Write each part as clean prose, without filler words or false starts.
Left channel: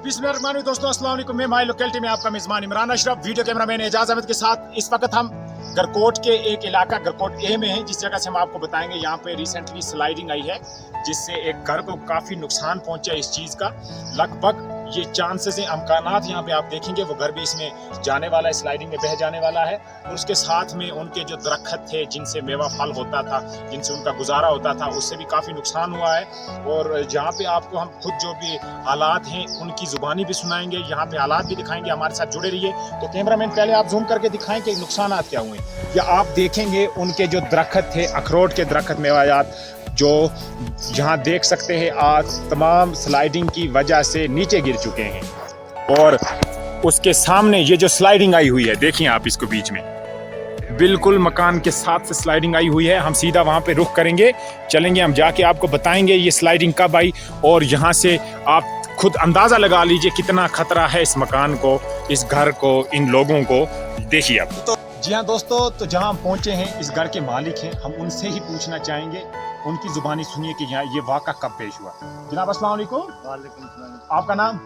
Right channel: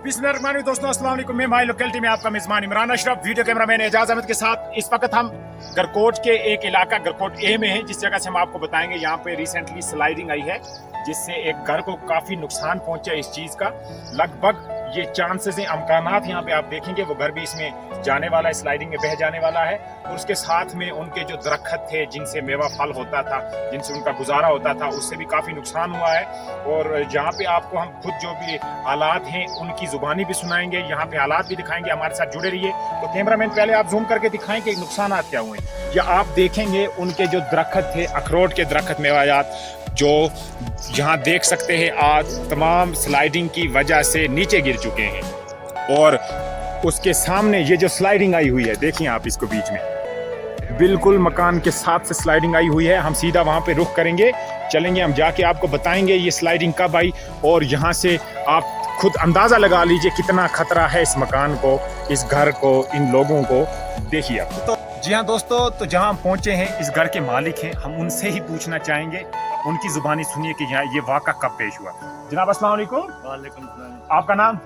बिस्मिल्लाहिर्रहमानिर्रहीम। दोस्तों अस्सलाम वालेकुम। मैं माई लोकेलिटी में आपका मेजबान इमरान अशरफ, वीडियो कैमरामैन एजाज अहमद के साथ इस वक्त हम गरकोट के एक इलाका गरकोट ए में हैं, जिस जगह से हम आपको बताएंगे। यहाँ पे रिसेंटली स्लाइडिंग आई है जिससे एक घर को काफ़ी नुकसान पहुंचा है। इस चीज़ का लगभग ये चांसेस हैं, अमकानात यहाँ पे आप देखेंगे वो घर भी इसमें जाने वाला है, स्लाइडिंग में बह जाने वाला है। और उसके साथ में उनके जो दरख्त थे जिनसे मेवा फल होता था, जिनसे उनका गुजारा होता था, उससे भी काफ़ी नुकसान हुआ है। और यहाँ पे आपको हम खुद जो भी हालात हैं उनकी ज़ुबानी भी सुनाएंगे, यहाँ पे हालात भी दिखाएंगे। हमारे साथ जुड़े रहिए। तो कैमरामैन पहले आप जूम करके दिखाएं कि नुकसान क्या हुए। या आप देखेंगे उनके जो दरख्त थे, अखरोट के दरख्त, मेवायात, जो यहाँ देख सकते हैं आज तमाम स्लाइडिंग की वजह से नीचे गिर चुके हैं। और उसके सामने ये जो स्लाइडिंग आई हुई है, देखिए आप इसको, बीच में बिल्कुल मकान के साथ से स्लाइडिंग आई हुई है। हम सीधा वहाँ पे रुख करेंगे, चलेंगे, हम जाके आपको बताएंगे ये स्लाइडिंग कब आई। और यहाँ से आप खुद अंदाज़ा लगा लीजिए कितना खतरा है इस मकान को, इस घर को, इन लोगों को। देखिए आप। तो जी हाँ दोस्तों, तो जहाँ हम पहुँचे हैं इस घर के मालिक हैं, हम उनसे ही पूछना चाहेंगे, उनकी जुबानी सुनिए कि यहाँ ये वाक़ा कब पेश हुआ। जनाब अस्सलाम वालेकुम। वालेकुम सलाम। आपका नाम?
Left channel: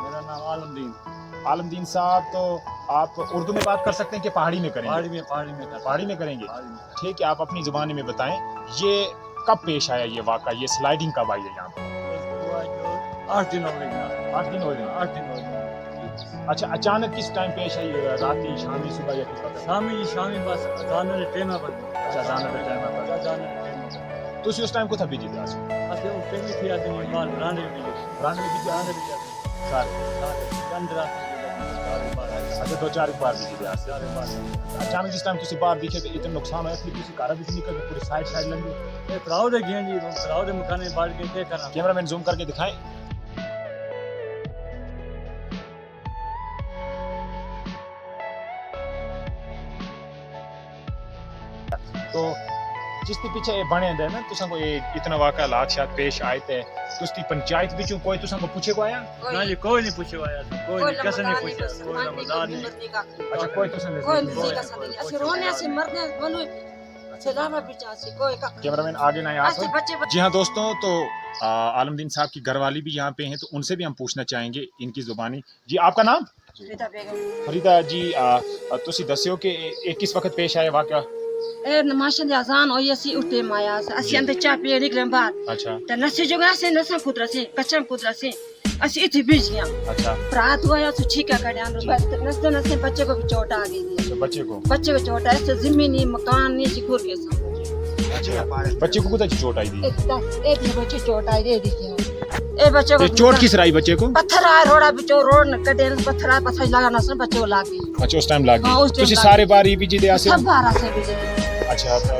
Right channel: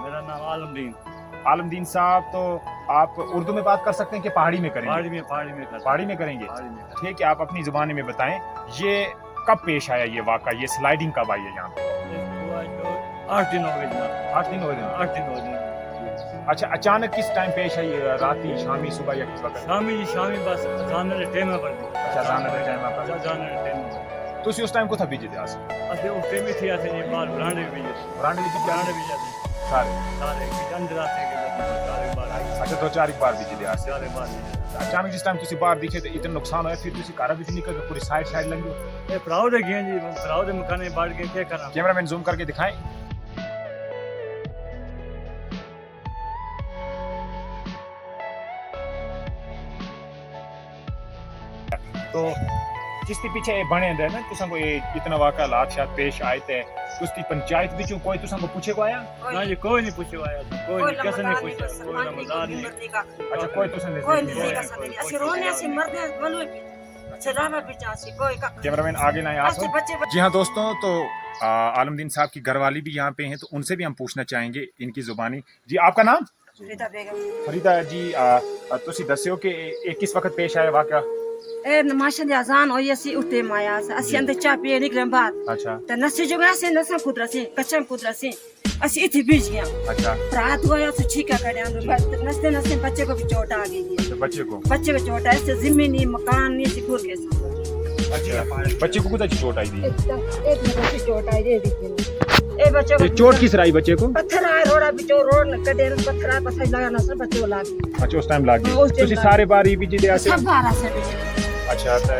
मेरा नाम आलमदीन। आलमदीन साहब, तो आप उर्दू में बात कर सकते हैं कि पहाड़ी में करेंगे? पहाड़ी में करेंगे। पहाड़ी में ठीक है, आप अपनी जुबानी में बताएं ये कब पेश आया, ये वाक़ा, ये स्लाइडिंग कब आई है यहाँ पे? इसको आज जो 8 दिन हो गए जनाब। 8 दिन हो गए। 8 दिन हो गए। अच्छा, अचानक किस टाइम पेश आई? राती, शामी, सुबह या किस वक्त? शामी बस जाने टाइम पर। अच्छा, जाने के टाइम पर। जाने टाइम पर ਤੁਸੀਂ ਉਸ ਟਾਈਮ ਕੋਥਾ ਬੀਜਦੇ ਆਸ? ਅਸੀਂ ਉੱਤੇ ਵੀ ਥੀ ਅਸੀਂ ਬਾਹਰ ਬਰਾਂਡੇ ਵੀ ਬਰਾਂਡੇ ਵੀ ਬਰਾਂਡੇ ਵੀ ਜਾਂਦੇ ਸਾਰੇ ਅੰਦਰ ਆਸੇ ਕੇ बस सारे बाहर आए। अच्छा, 2-4 बार बीजਦੇ ਆਸ? सारे बाहर। अचानक जिस टाइम ਤੁਸੀਂ ਬਾਹਰ ਦਿਖੇ ਤੇ ਇਤਨਾ ਨੁਕਸਾਨ ਹੋਇਆ, ਫਿਰ ਤੁਸੀਂ ਘਰ ਵਿੱਚ ਨਿਕਲ ਕੇ ਪੂਰੀ ਸਾਈਡ ਲੰਘੀ? ये भराव दे गए जी, भराव दे मकाने बाढ़ के क्या करना। कैमरामैन जूम करके दिखाएं। तो जिसके पीछे बने दे ना तुसा को ये इतना वाक़ा हालात शायद पेश आए थे, उसकी पंचायत बिचू कोई तुसा को पूछे को आया? ना जी कोई नहीं पूछे आया, कोई नहीं, कैसे नहीं पूछा, कोई रमजान नहीं। अच्छा, कोई तुसा नहीं। असि रोने से मरने बलु सलामा बिचा से कोई का। कैमरामैन आगे ना आप। जी हाँ दोस्तों, तो आलमदीन साहब की घरवाली भी यहाँ पे हैं, तो उनसे भी हम पूछना चाहेंगे इनकी जुबानी। जी, आपका नाम? फरीदा बेगम। फरीदा जी, तुसी दस्यो कि किस वक्त पेश आया वाक़ा? ए नमाज दी अजान होई असि उठे माया असि अंदर चा पिए निकले बाहर। अच्छा। त नसे जोगा से नसा पुत्र से कच्चा पुत्र से असि इथे बीज गया। अच्छा। रात हुआ तो छीका कर अंदर नसे नसे बच्चे को भी चोट आ गई है। तो बच्चे को चोट है, इससे जमीनी मकान नहीं सिकुड़ गया सब। अच्छा, बच्चे को कुछ चोट आई थी? एक बच्चे चोट आई दे दी ए बच्चे को चोट किस राई बच्चे को? पत्थर आ रोड़ा बिचो रोड न कटे पत्थर आ पत्थर लगाना से बच्चे को लागी। अच्छा, उस टाइम लागी। हाँ, उस टाइम तुसी सारे बार ही बीजे दे आसे? सब बार आसे बीजे। अच्छा, तो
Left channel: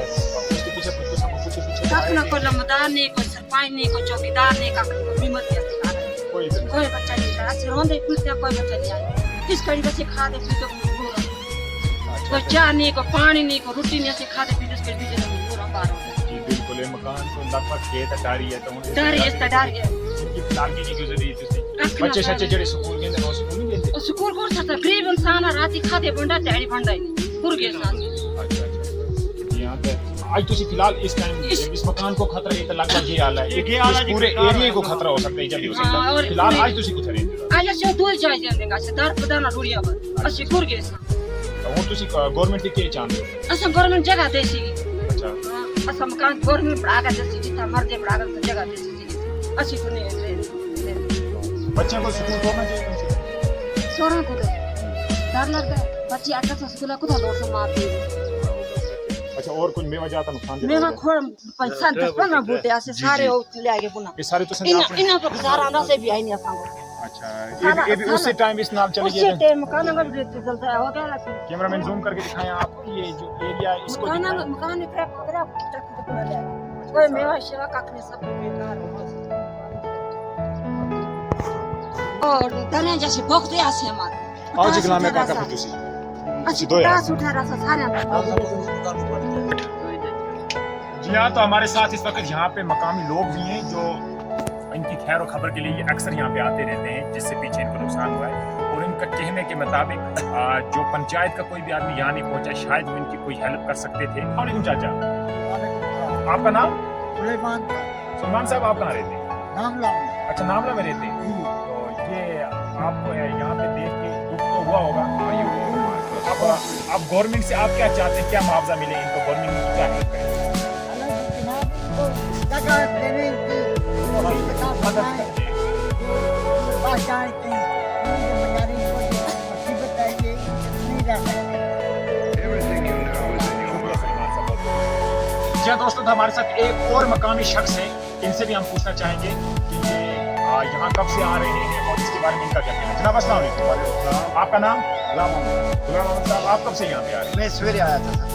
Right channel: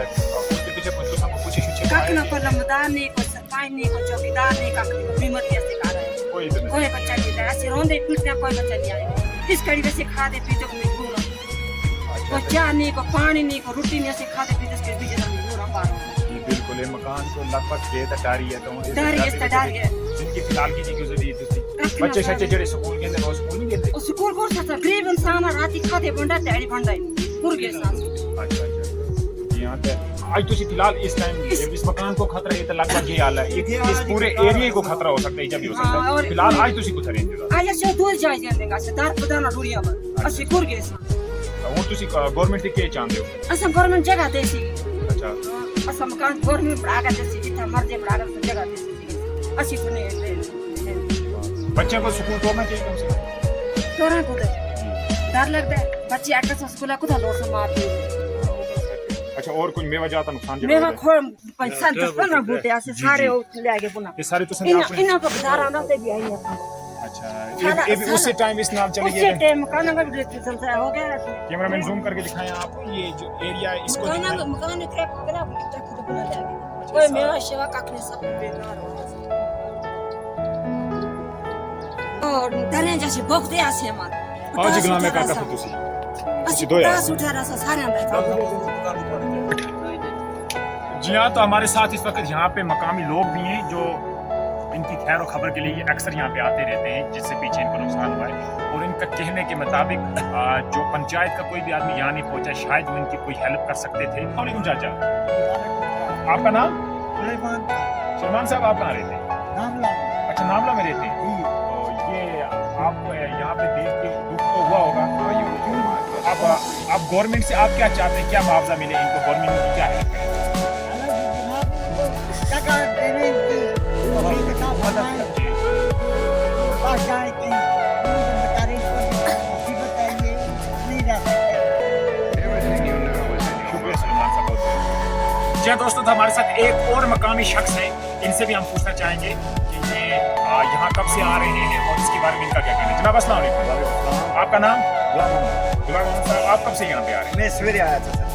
उसके पीछे कुछ तो सबको पूछे छुछे आए? ना कोई लमदार नहीं, कोई सरपंच नहीं, कोई चौकीदार नहीं, का हिम्मत ऐसे कर कोई इधर नहीं। कोई बच्चा नहीं है, ऐसे रोंदे पीटते कोई बच्चा नहीं आया। इस कड़ी से खाते पीते को मजबूर है, कोई चाय नहीं, कोई पानी नहीं, कोई रोटी नहीं, ऐसे खाते पीते इसके बीच में मजबूर हम बाहर हो। जी बिल्कुल, ये मकान तो लगभग के तटारी है, तो डर ये डर है इनकी फिलहाल की गुजरी तुसी बच्चे सच्चे जड़े स्कूल के अंदर स्कूल नहीं गेंदे? और स्कूल को था गरीब इंसान राती खाते बंडा तैयारी बंडा पुर गए सांस। अच्छा अच्छा। यहां पे आज तुसी फिलहाल इस टाइम इस मकान को खतरा है, तो लगभग ये हाल है, इस पूरे एरिया को खतरा हो सकता है, जब भी हो सकता है। फिलहाल आज तुसी कुछ रेंज आज से दो जाय देंगे से दार पदाना रुड़िया पर असि पुर गए सांस। वो तुसी गवर्नमेंट के चाहते हो? असम गवर्नमेंट जगह देसी। अच्छा। असम मकान गवर्नमेंट बड़ा का देसी, जितना मर्जी बड़ा का जगह देसी असि तो नहीं। बच्चे को स्कूल छोड़ना चाहिए कम से कम। छोड़ने को डर लगता है, बच्चे आकर स्कूल को तो लोड से मारते। अच्छा, और कोई मेवा जाता नुकसान? मेवा खोर पैसा 10-15 बूटे ऐसे सारे ले आगे पुना ये सारे तो इन को गुजारा से भी आई नहीं अपन। अच्छा, ये भी उसी टाइम इस नाम चली गई? उसी टाइम मकान का भी चलता है, हो गया। कैमरामैन जूम करके दिखाएं आप, ये जो एरिया है इसको मकान ने क्रैक तो पुना ले आगे। कोई मेवा सेवा काकने सब बेकार हो और दरिया जैसे भोगते आसे हमारे आज गला में काका फिटूसी असि दो यार उठा रहा सारे जी हाँ, तो हमारे साथ इस वक्त यहाँ पे मकामी लोग भी हैं जो इनकी खैर और खबर के लिए अक्सर यहाँ पे आते रहते हैं, जिससे पीछे इनको नुकसान हुआ है। और इनका कहने के मुताबिक जो पंचायत का कोई भी आदमी यहाँ नहीं पहुँचा, शायद वो इनकी कोई हेल्प कर सकते थे। वालेकुम चाचा, आपका नाम? सुलेमान। सुलेमान साहब, आप कहाँ रहते हैं? नामला में। अच्छा, नामला में रहते हैं। तो ये आपको यहाँ पे देख के दुख तो हुआ होगा। अब गवर्नमेंट से आप क्या चाहते हैं, क्या मुआवजा मिले इनको, गवर्नमेंट की क्या हेल्प करें? जनाब इनको जगह देने की पास जाए कहीं बेचारे को मुसीबत है, ये नहीं रह सकते। शुक्रिया सलमान साहब, बहुत बहुत। जी हाँ दोस्तों, तो हमारे साथ एक और मकामी शख्स है, इनसे भी हम पूछना चाहेंगे कि ये यहाँ कब से आ रहे हैं और इसके बारे में इनका क्या कहना है। जनाब अस्सलाम वालेकुम, आपका नाम? गुलाम मोहम्मद साहब, आप कब से यहाँ पे आ रहे हैं? मैं सवेरे आया था सर,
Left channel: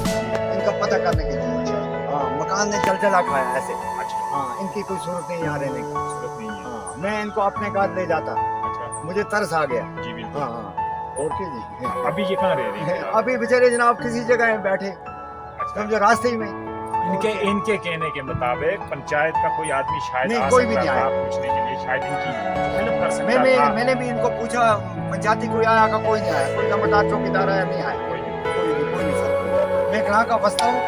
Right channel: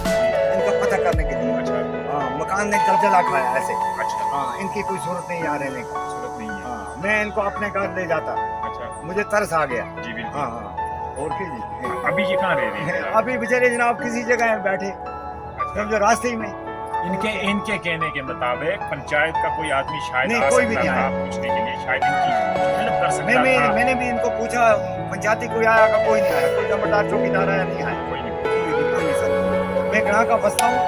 इनका पता करने के लिए। अच्छा हाँ, मकान ने जलजला खाया ऐसे। अच्छा, हाँ, इनकी कोई सूरत नहीं यहाँ रहने का। जरूरत नहीं है। हाँ, मैं इनको अपने घर ले जाता, अच्छा मुझे तरस आ गया। जी बिल्कुल। हाँ हाँ, और कीजिए। अभी ये कहाँ रह रहे हैं? अभी बेचारे जनाब किसी जगह बैठे, अच्छा। समझो रास्ते ही में। इनके कहने के मुताबिक पंचायत का कोई आदमी शायद नहीं, आ कोई भी सकता नहीं था आया। पूछने के लिए, शायद इनकी हेल्प कर सकता था। मैंने भी इनको पूछा, पंचायती कोई आया का, कोई नहीं आया, कोई नंबरदार चौकीदार आया नहीं आया, कोई नहीं। कोई नहीं सर। मैं कहाँ का बसता हूँ,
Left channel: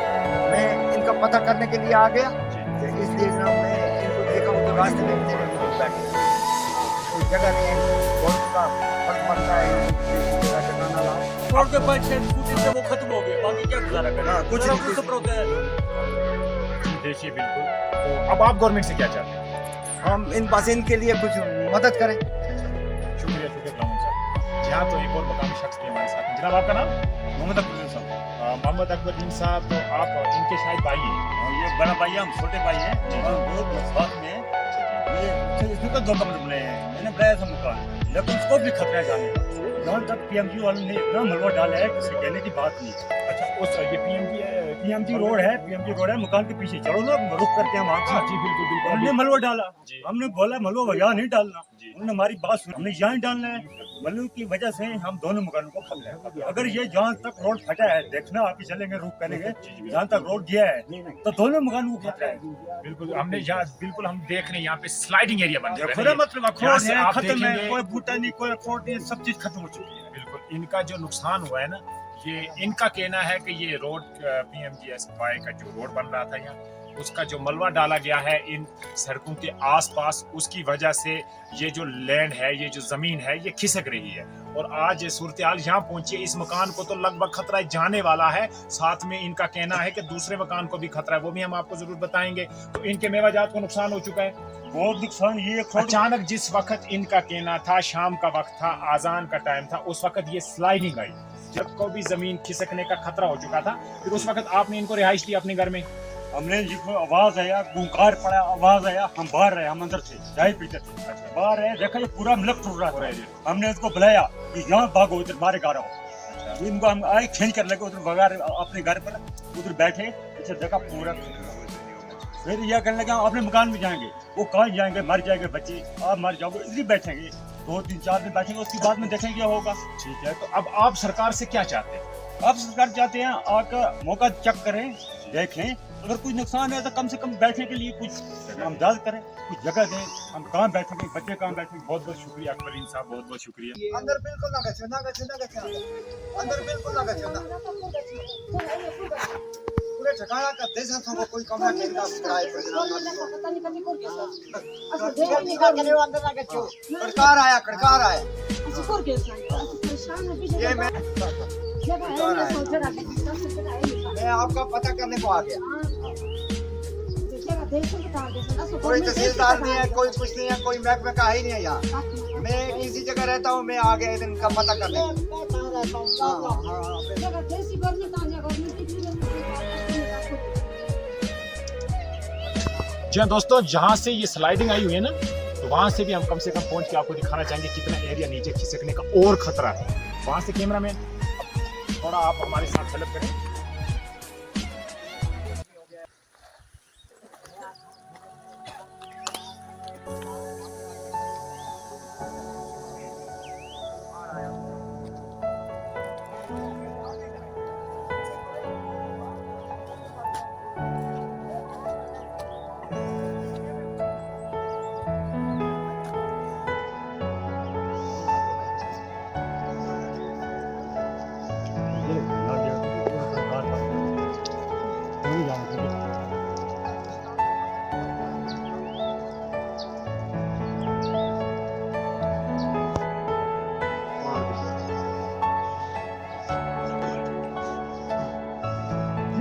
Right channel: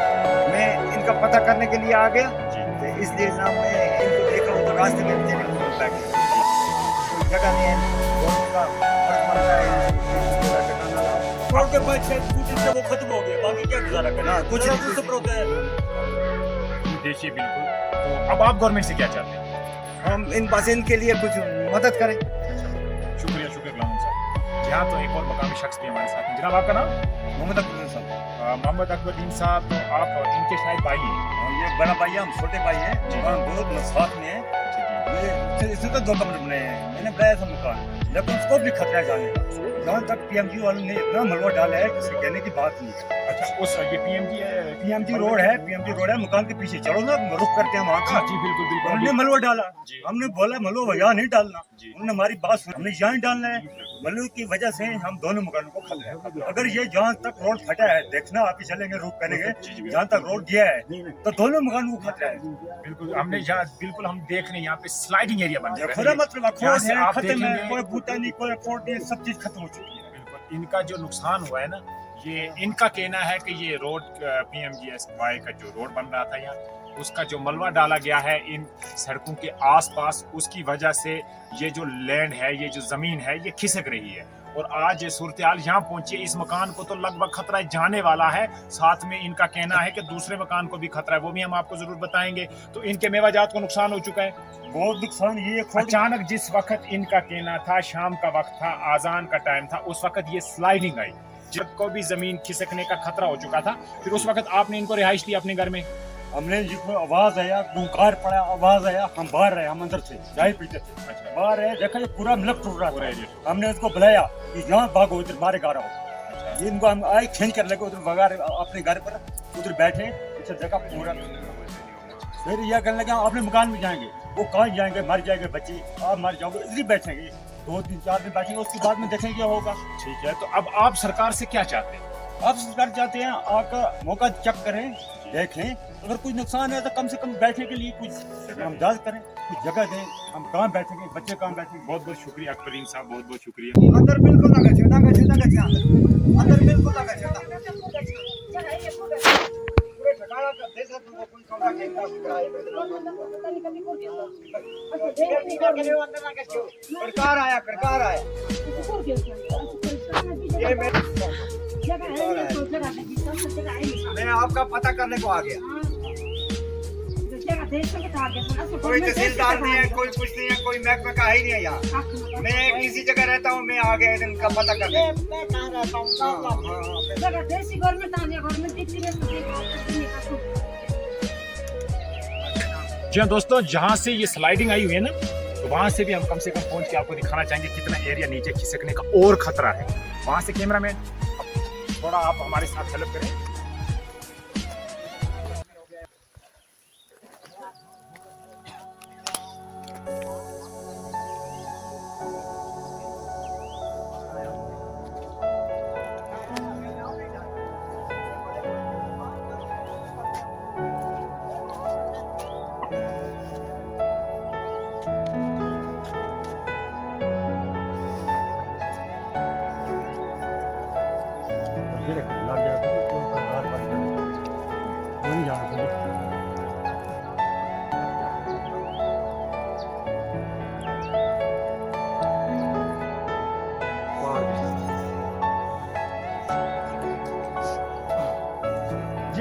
मैं इनका पता करने के लिए आ गया, जी तो इसलिए जनाब मैं इनको देखा हूँ तो रास्ते में मेरे बिल्कुल बैठे। कोई जगह नहीं है, गवर्नमेंट का फर्ज बनता है इनको किसी जगह ठिकाना लाओ। रोड के पास से स्कूटी से वो खत्म हो गया, बाकी क्या गुजारा करना। हाँ, कुछ नहीं, कुछ तो होता है। देखिए बिल्कुल। तो अब आप गवर्नमेंट से क्या चाहते हैं? हम इन पासेन के लिए कुछ मदद करें। शुक्रिया शुक्रिया गुलाम साहब। यहाँ तो एक और मकामी शख्स भी हमारे साथ हैं। जनाब आपका नाम? मोहम्मद अकबर साहब, मोहम्मद अकबरुद्दीन साहब, तो आप इनके शायद भाई हैं। ये बड़ा भाई है, हम छोटे भाई हैं, हम बहुत साथ में हैं। ये इससे तो 2 कमरे बने हैं, मैंने बनाया था मकान, लेकिन उसको भी खतरा है जाने का। जहाँ तक पीएमजी वालों ने इतना मलबा डाला है, किसी कहने की बात नहीं है। अच्छा, उस ये पीएमजी है, पीएमजी रोड है, मकान के पीछे चलो ना, रुक करते हैं वहाँ का। जी बिल्कुल बिल्कुल। हमने मलबा डाला, जी। हमने बोला मलबा यहाँ नहीं डालना, जी। उन्होंने हमारी बात सुनी, हमने यहाँ डालना है। मलबे की वजह से हम दोनों मकानों को खतरा है। अगर ये जहाँ तक रोड फटा है, देखना आप ही चलेंगे, रुक करेंगे, जहाँ तक रोड गया है तो दोनों मकानों को खतरा है। बिल्कुल हमने यहाँ बिल्कुल हम देख रहे हैं यहाँ पे स्लाइडिंग एरिया बन रहा खुदा है। मतलब यहाँ अखरोट से है, आप खत्म है, देखेंगे- कोई बूटा नहीं, कोई अखरोट नहीं, सब चीज खत्म हो चुकी है। बिल्कुल इनका जो नुकसान हुआ है ना, ये इनका कहना है कि ये रोड PMGSY का जो रोड बन रहा था यहाँ, उसका जो मलबा डाला गया है इन सड़कों के आसपास, उसकी वजह से ये जो लैंड है, ये जो जमीन है, ये खिसक रही है। और आज ये सूरत हाल यहाँ पहुंची है, इस मकान को तो लगभग खतरा जाने वाला है, साथ में इनका कहना है कि दूसरे मकान को भी खतरा है, वो भी हम आपको जरूर बताएंगे। तो इनके मेवाजात को नुकसान हो चुका है बहुत नुकसान। ये अखरोट अचानक, जिस वक्त इनका कहना था शाम का वक्त था, आजान का टाइम था, उस वक्त ये स्लाइडिंग आई, जब को भी जमीन खिसकने का खतरा हो चुका था। फिर उस वक्त आपने इनको रिहाइश दी अपने घर में? हमने जिसको आवाज आया, गुंकार पड़ा, आवाज आया, हम बाहर रहे, हम अंदर थे, चाय पीते थे, बाहर है, देखा ये पूरा मिलक टूट रहा पूरा था। एरिया। हमने उसको बुलाया कि यहाँ भागो, इधर बाहर आ रहा हो। अच्छा। इनको हम आए खींच कर लगे उधर भगा अपने घर पर, उधर बैठे, अच्छा देखा पूरा। फिर यह कहने लगे हम अपने मकान में जाएंगे, वो कहाँ जाएंगे, मर जाएंगे बच्चे, आप मर जाओगे, इधर बैठेंगे 2-3-4 दिन बैठेंगे, उसके बाद में देखेंगे क्या होगा। ठीक है, तो अब आप सरकार से क्या चाहते हैं? आप सरकार चाहते हैं आका मौका चेक करें, देख लें, अगर कुछ नुकसान है तो कम से कम बैठने के लिए कुछ आमदाद करें, कुछ जगह दें, हम कहाँ बैठेंगे, बच्चे कहाँ बैठेंगे। बहुत बहुत शुक्रिया अकबरीन साहब, बहुत बहुत शुक्रिया। अंदर बिल्कुल ना गए, अंदर बिल्कुल ना गए। पूरे ठिकाना का देश को कोई कमरा के इनका किराए पर कड़कार आया ये मैं आपका पता करने को आ गया। कोई तहसीलदार नहीं है, कोई कुछ नहीं है, कोई महकमे का है ही नहीं है यहाँ। मैं किसी जगह रहता हूँ, मैं आ गया इनका पता करने। जी हाँ दोस्तों, जहाँ से ये स्लाइडिंग आई हुई है ना, तो वहाँ से भी हम कम से कम पहुँच के आपको दिखाना चाहेंगे कितना एरिया नीचे खिसकने का और खतरा है। वहाँ से कैमरामैन थोड़ा आप हमारे साथ हेल्प करें। लग जाएगा तो नहीं जाना।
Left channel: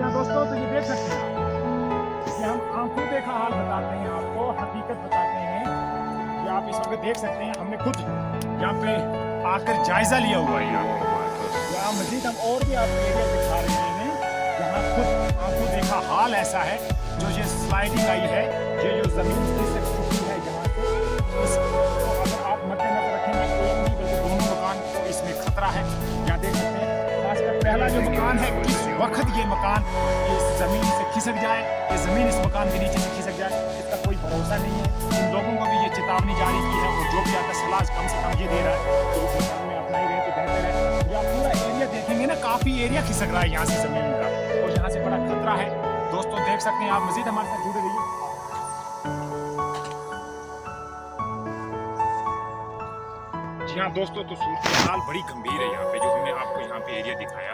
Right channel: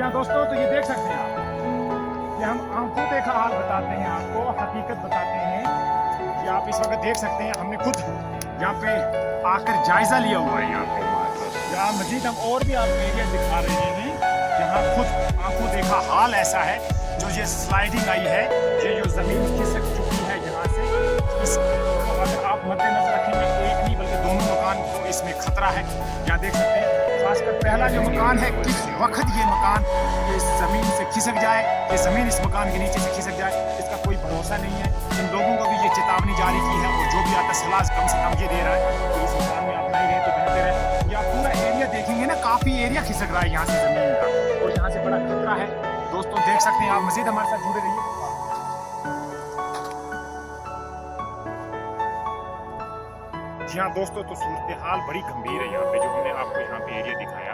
हाँ दोस्तों, तो ये देख सकते हैं आप, ये हम आंखों देखा हाल बताते हैं आपको, हकीकत बताते हैं। ये आप इस वक्त देख सकते हैं, हमने खुद यहाँ पे आकर जायजा लिया हुआ है। यहाँ मजीद हम और भी आपको एरिया दिखा रहे हैं जहाँ खुद आंखों देखा हाल ऐसा है। जो ये स्लाइडिंग आई है, ये जो जमीन खिसक चुकी है यहाँ से, इसको अगर आप मद्देनजर रखेंगे, एक नहीं बल्कि दोनों मकान को इसमें खतरा है। यहाँ देख सकते हैं, खासकर पहला जो मकान है, किस वक्त ये मकान इस जमीन से खिसक जाए, ये जमीन इस मकान के नीचे से खिसक जाए, इसका कोई भरोसा नहीं है। इन लोगों को भी ये चेतावनी जारी की है, और जो भी आता सलाह कम से कम ये दे रहा है कि इस मकान में आप नहीं रहे तो बेहतर है। या पूरा एरिया देखेंगे ना, काफी एरिया खिसक रहा है यहाँ से जमीन का, और यहाँ से बड़ा खतरा है। दोस्तों देख सकते हैं आप, मजीद हमारे साथ जुड़े रहिए। जी हाँ दोस्तों, तो सूरत हाल बड़ी गंभीर है यहाँ पे। जो हमने आपको यहाँ पे एरिया दिखाया,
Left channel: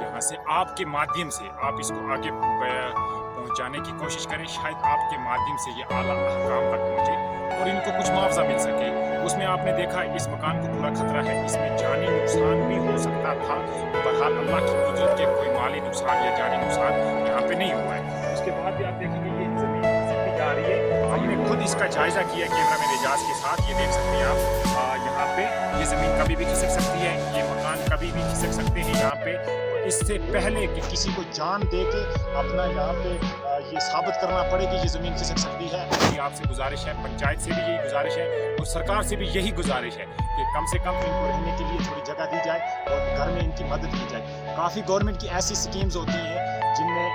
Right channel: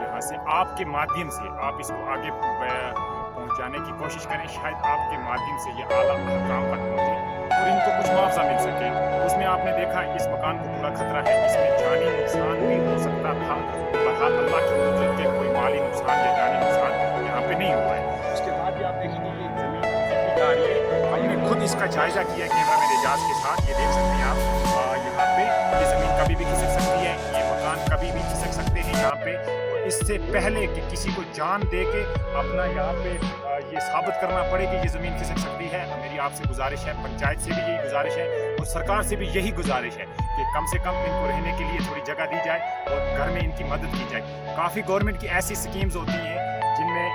यहाँ से आपके माध्यम से आप इसको आगे पहुँचाने की कोशिश करें। शायद आपके माध्यम से ये आला हकाम तक पहुँचे और इनको कुछ मुआवजा मिल सके। उसमें आपने देखा इस मकान को पूरा खतरा है, इसमें जानी नुकसान भी हो सकता था। बहरहाल अल्लाह की कुदरत के कोई माली नुकसान या जानी नुकसान यहाँ पे नहीं हुआ है। उसके बाद भी आप देखेंगे ये जमीन खिसकती जा रही है। हमने खुद इसका जायजा किया कैमरामैन एजाज के साथ। ये देख सकते हैं आप, यहाँ पे ये जमीन कभी भी खिसक सकती है, ये मकान कभी भी खिसक सकते हैं यहाँ पे। और इससे पहले कि किसी को जान दे के अपना यहाँ पे ये साबित करना पड़े कि ये जमीन खिसक सकती है, मेरी आपसे गुजारिश है, पंचायत से भी यही गुजारिश है और सरकार से भी यही गुजारिश है कि कम से कम इनको रहने के लिए थोड़ी जगह दी जाए और घर में इनकी मदद की जाए। काफ़ी गवर्नमेंट की ऐसी स्कीम्स होती हैं जिनमें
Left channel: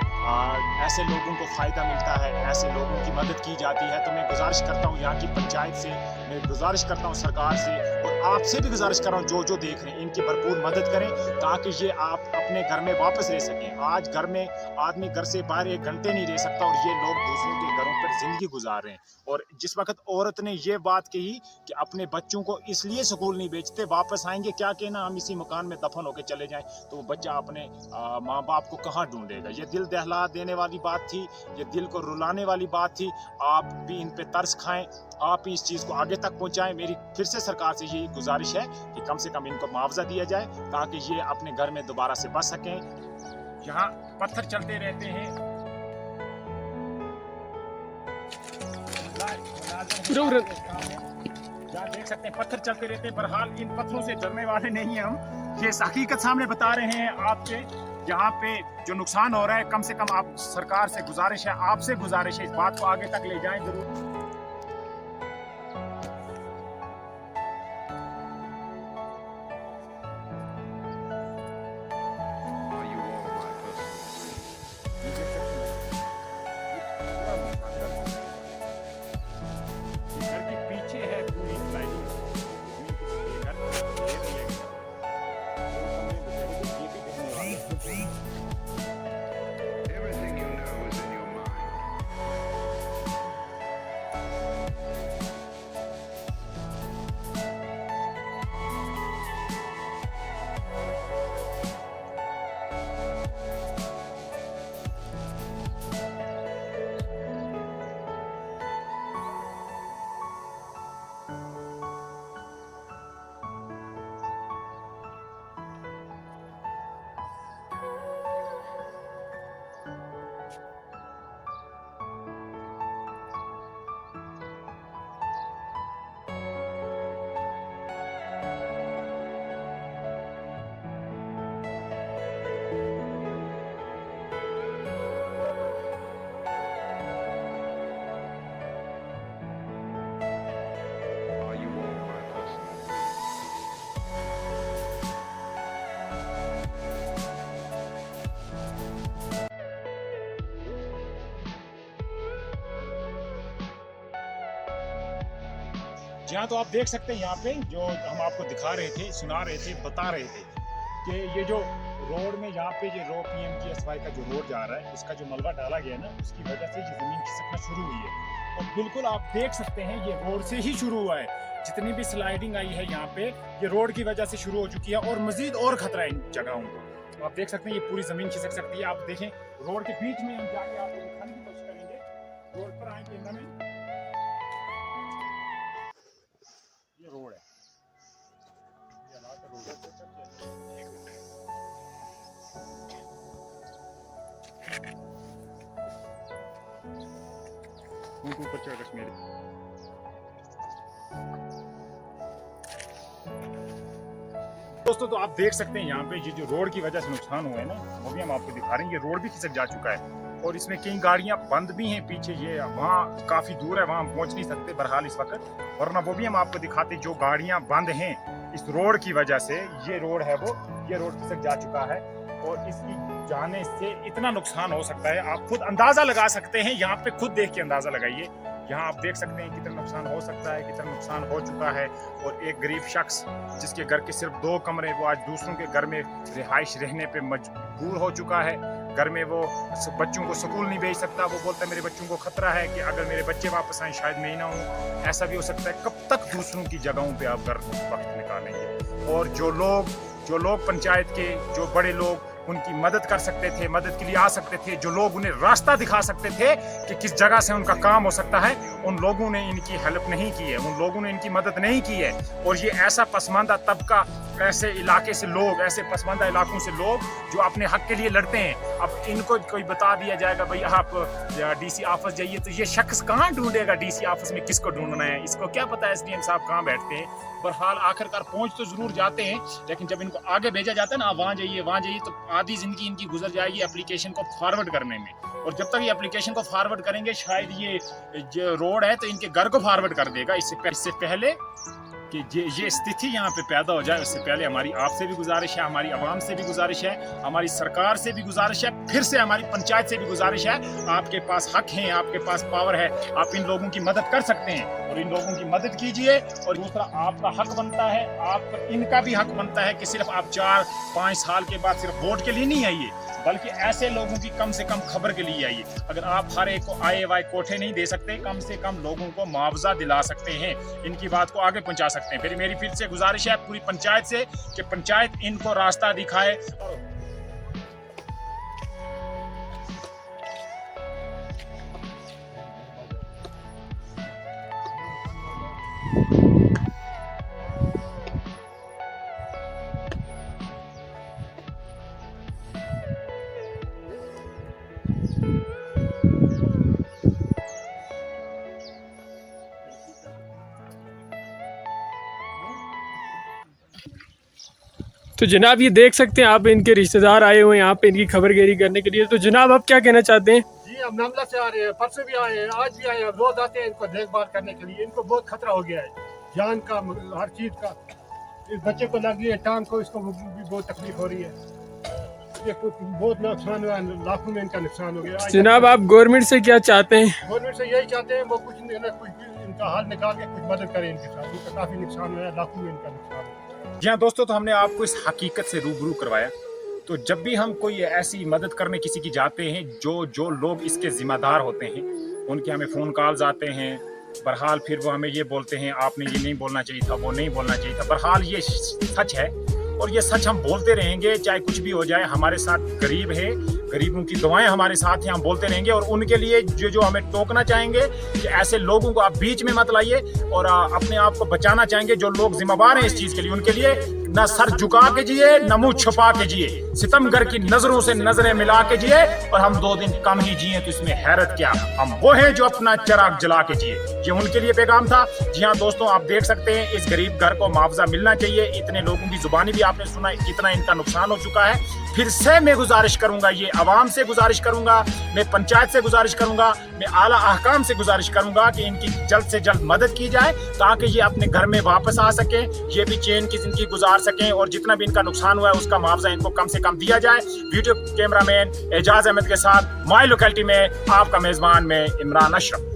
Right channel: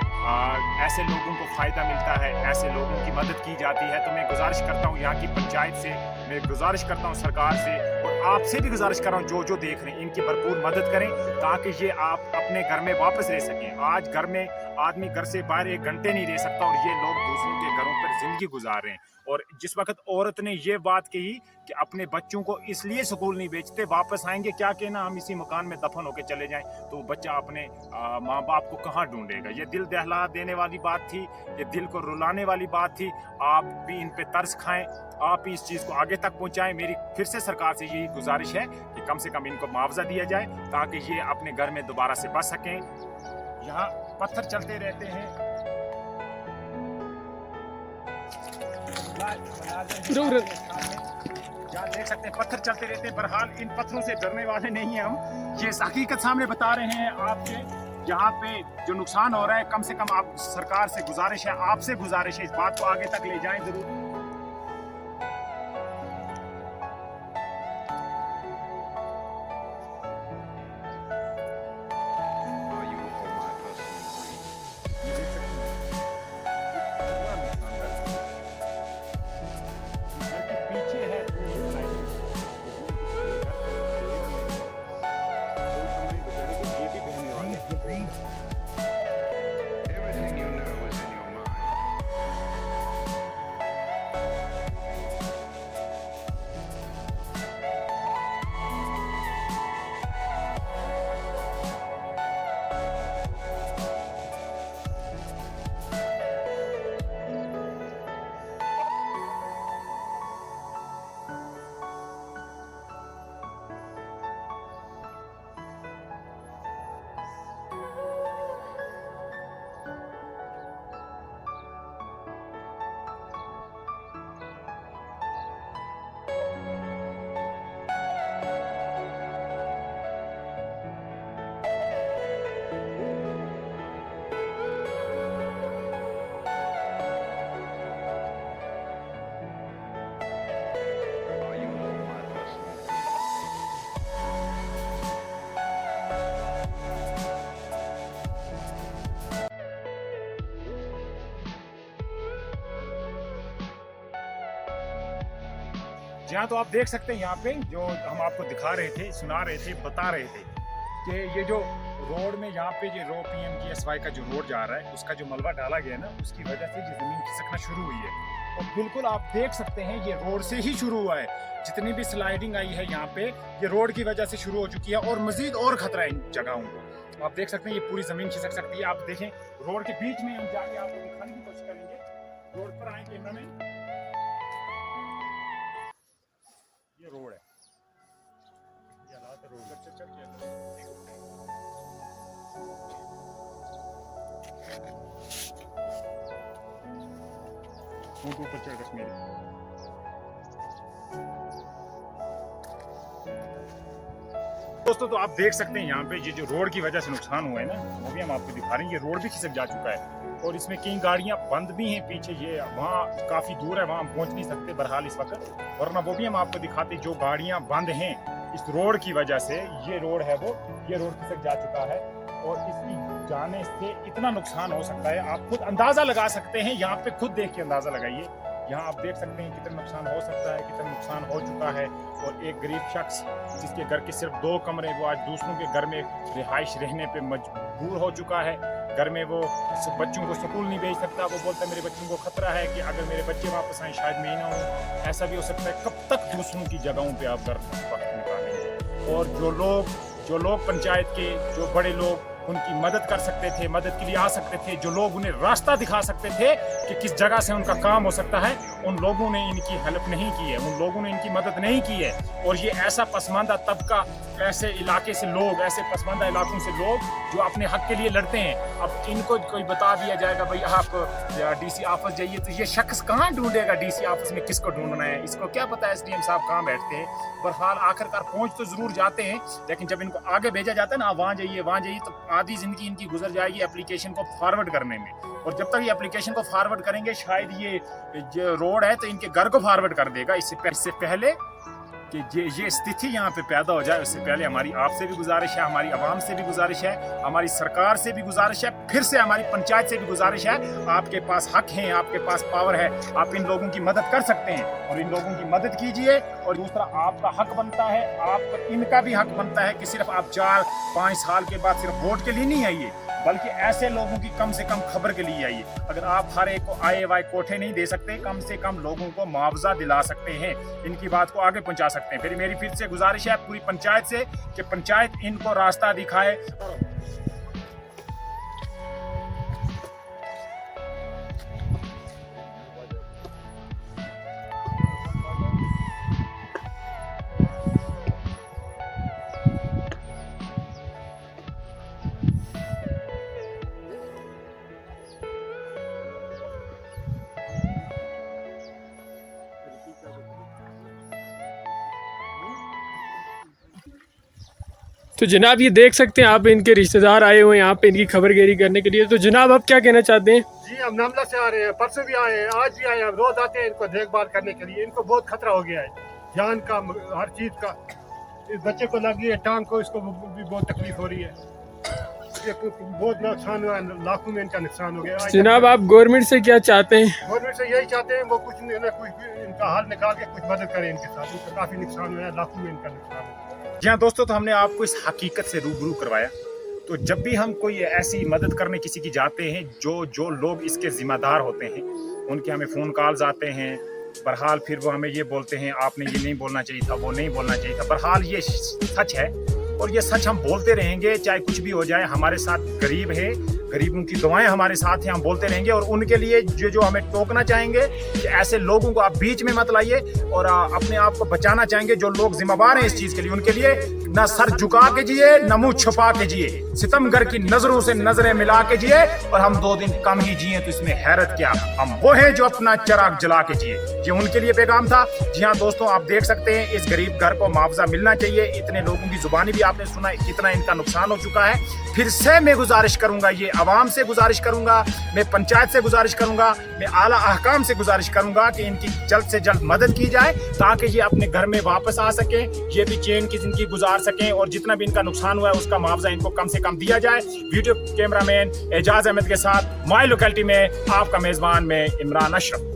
ऐसे लोगों को फ़ायदा मिलता है, ऐसे लोगों की मदद की जाती है। तो मैं गुजारिश करता हूँ यहाँ की पंचायत से, मैं गुजारिश करता हूँ सरकार से, और आपसे भी गुजारिश कर रहा हूँ जो देख रहे हैं, इनकी भरपूर मदद करें ताकि ये आप अपने घर में वापस रह सकें। आज घर में आदमी घर से बाहर 1 घंटे नहीं रह सकता और ये लोग दूसरों के घरों पर जिंदगी गुजार रहे हैं। और जिस वक्त औरत ने ये बात कही कि अपने बच्चों को इसलिए स्कूल नहीं भेजते, वापस आएंगे क्या कहना, हम इसी मकान में दफन होकर चले जाएं, तो वो बच्चा अपने माँ बाप को कहाँ ढूंढेगा। ये दिल दहला देने वाली बात थी, ये दिल को रुलाने वाली बात थी। आप भी इन पे तरस खाएं, आप भी इस चीज़ को आगे तक पहुंचाएं। मेरी फिर से सरकार से यही गुजारिश है कि कम से कम इनको मुआवजा दिया जाए ताकि ये अपने घर में दोबारा से बच सकें। यहाँ पत्थर चलते रहते हैं, सामने जहाँ देख सकते हैं पत्थर चलते रहते हैं। बहरहाल इन पत्थरों से डरने वाले नहीं हैं हम, ये हकीकत सामने बता रहे हैं आपके। यहाँ पे जो नुकसान हो रहा है, कम से कम आप सरकार से गुजारिश है, आपसे गुजारिश है, इस बात को आगे तक ले जाएं जरूर। ये देख सकते हैं, ये पूरा नुकसान घर का। ये घर के पीछे है पूरी स्लाइडिंग, उसमें किसी के घर पर देर नहीं है, कोई कमरे बेचारे को ये भी बहने वाले हैं। Everything you know is in your mind. Are you all my personal dreams? जी हाँ, तो आप देख सकते हैं यहाँ पे जो हम आपको दिखा रहे थे, सुना रहे थे, बता रहे थे कि ये जो रोड में यहाँ पे ये PMGSY का जो रोड जा रहा है, उसका जो मलबा डाला गया ना, उसकी वजह से ये ज़मीन खिसकना शुरू हुई है। और बिल्कुल आप देख सकते हैं ये रोड से ही शुरू हुआ है। जितनी भी स्लाइडिंग आई है यहाँ पे, ये रोड की वजह से शुरू हो चुकी है और मजीद और खतरा है इन जगहों को। आप देख सकते हैं ये पूरी ज़मीन खिसक सकती है। आप देखें रोड के बीच में हम जाके आपको दिखाने की कोशिश करेंगे। रोड पर आएंगे इन्होंने, ये रोड है, ये हालात रोड है। ऊपर चढ़ रख मेरे। दोस्तों तो आप देख सकते हैं यहाँ पे ये जो रोड की वजह से नुकसान हुआ है ना, वो भी हम आपको दिखा रहे हैं। ये रोड भी खिसक जा चुका है और इसमें कई गाड़ियां बंद भी हैं पीछे, ये वहाँ काफ़ी दूर है, वहाँ हम पहुँच नहीं सकते बहरहाल इस वक्त, वरना वो भी हम आपको दिखाते। जो गाड़ियाँ बंद हैं इस रोड की वजह से, ये रोड है वो, ये रोड खिसक जा चुका है और इसकी जाने से इतना नुकसान हो सकता है, आप खुद अंदाज़ा लगा सकते हैं। यहाँ पे खुद देख के अंदाज़ा लगाइए, यहाँ आप देख सकते हैं कितना नुकसान हो सकता है, कितना नुकसान हो चुका है। और एक गरीब शख्स जिसके घर के सिर्फ 2 कमरे, वो आज दूसरों के घर में रिहाइश रहने पे मजबूर हो चुका है। घर में वो बच्चों को स्कूल नहीं भेज सकता, वो बोलता है मेरे बच्चों को खतरा है कि अगर मेरे बच्चे वापस आए शायद मैं ही ना हूँ। ऐसा भी हो सकता है, कब तक दूसरों की जगहों पे आप घर वक्त निकालेंगे। और जो लोग पंचायत के जो बड़े लोग उनकी मदद कर सकते थे, मदद के लिए आ सकते थे, जो लोग उन्हें रास्ता दिखा सकते थे कि किस जगह से उनका काम हो सकता है, उन लोगों ने इनकी हेल्प नहीं की है, उन लोगों ने इनकी मदद नहीं की है। और ये ऐसा पसमानदा तबका, ऐसे इलाके से लोग, ऐसे पसमानदा इलाकों से लोग जो अपने हक के लिए लड़ते हैं, अब इनको कोई बता दिया जाएगा भाई आप डीसी ऑफिस जाइए, तो ये शख्स कहाँ ढूंढेगा डीसी ऑफिस में, किसको ढूंढना है, इसको क्या पता है एसडीएम साहब कहाँ बैठते हैं। बहरहाल आखिरकार पहुँच तो ज़रूर जाते हैं, लेकिन जब इनको आगे भेजा जाता है ना, वहाँ जाइए, तो आधी ज़िंदगी इनकी गुजर जाएगी एप्लीकेशन को फॉरवर्ड करने में। और जब तक ये एप्लीकेशन को फॉरवर्ड करेंगे, शायद ये जो रोड है तो इनके घर को फॉरवर्ड कर देगा। इससे पहले कि ये स्थिति यहाँ पे पैदा हो जाए, उससे पहले हमारी आपसे भी गुजारिश है, हमारी आवाम से भी गुजारिश है, हमारी सरकार से भी गुजारिश है, फिर से हमारी पंचायत से भी गुजारिश है। आपके पास हक है, आपके पास पावर है, आप इन लोगों की मदद कर सकते हैं और इन लोगों की मदद कीजिए। और दूसरा, आपका हक बनता है, आप इनका भी हक बनता है कि सिर्फ आप 4-5 साल के बाद सिर्फ वोट के लिए नहीं आइए, बल्कि ऐसे लोगों की कम से कम खबर के लिए आइए। अगर आप हर एक को आए वाए कोठे नहीं दे सकते, कम से कम लोगों को मुआवजा दिला सकते हैं, इनकी बात को आगे पहुंचा सकते हैं। फिर मेरी फिर से गुजारिश है पूरी पंचायत से कि पंचायत इनको रास्ता दिखाए। तो जनाब ये देख सकते हैं आप, इनके रिश्तेदार आए हुए हैं यहाँ पे इनकी खबरगिरी करने के लिए। तो जनाब आप क्या कहना चाहते हैं? जी, हम नामला से आ रहे हैं, परसों भी आए हैं, आज भी आए हैं, रोज आते हैं इनको देखभाल करने के लिए। इनको बहुत खतरा हो गया है, जान का, हर चीज़ का। इस बच्चे को लगी है टांग को, इसको भी बहुत तकलीफ हो रही है। ये बहुत नुकसान हुआ, लाखों में इनका नुकसान हो गया। जनाब आप गवर्नमेंट से क्या चाहते हैं? गवर्नमेंट से यही चाहते हैं वो कुछ इनका हल निकाल के कुछ मदद करें इनके साथ। इनका काफ़ी नुकसान हुआ है, लाखों में इनका नुकसान हुआ है। जी हाँ दोस्तों, तो हमने आपको इस हकीकत से रूबरू करवाया। तो जब भी हम कोई ऐसी मदद करने किसी की जाते हैं, जो लोग इसके जिम्मेदार होते हैं, उनके हमें फ़ोन कॉल्स आते हैं। बहरहाल फिर वो हमें ये बोलते हैं आपने ये नहीं बोलना चाहिए था, वो नहीं बोलना चाहिए था। बहरहाल ये सच है और ये सच हम बोलते रहेंगे, चाहे कुछ भी हो जाए। हमारे साथ गरीब है, गरीबों की दुआएं हमारे साथ हैं, हम बोलते रहेंगे। और उनके लिए जो हमें टोकना चाहेंगे कि ऐसे लोगों को आप बीच में मत लाइए, और अपने आप को बचाना चाहेंगे जो लोग जिम्मेदार हैं इस चीज़ के लिए, उनके लिए न सर झुका के जिए, न मुंह छुपा के जिए, सितमगर की नजरों से नजरें मिला के जिए। और हम 2 दिन कम ही जिए तो इसमें हैरत क्या, हम वो हैं जो अपना चिराग जला के जिए। ये उनके लिए पैगाम था। जी हाँ दोस्तों, आप देख सकते हैं इस गरीब घर को मुआवजा मिलना चाहिए। इतने लोगों की जुबानी भी आपने सुना, कितना इनका नुकसान हो चुका है। फिर से मैं गुजारिश करूंगा, ये आवाम से गुजारिश करूंगा, मैं पंचायत से गुजारिश करूंगा, मैं आला अहकाम से गुजारिश करूंगा कि इनकी जल्द से जल्द मदद की जाए, ताकि ये अपने घर में वापस आ सकें, ये भी चैन की जिंदगी गुजार सकें, और जितना भी इनका नुकसान हुआ है उसका मुआवजा इनको कम से कम दिया जाए। वीडियो कैमरामैन एजाज अहमद के साथ माई लोकेलिटी में आपका मेजबान में इमरान अशरफ।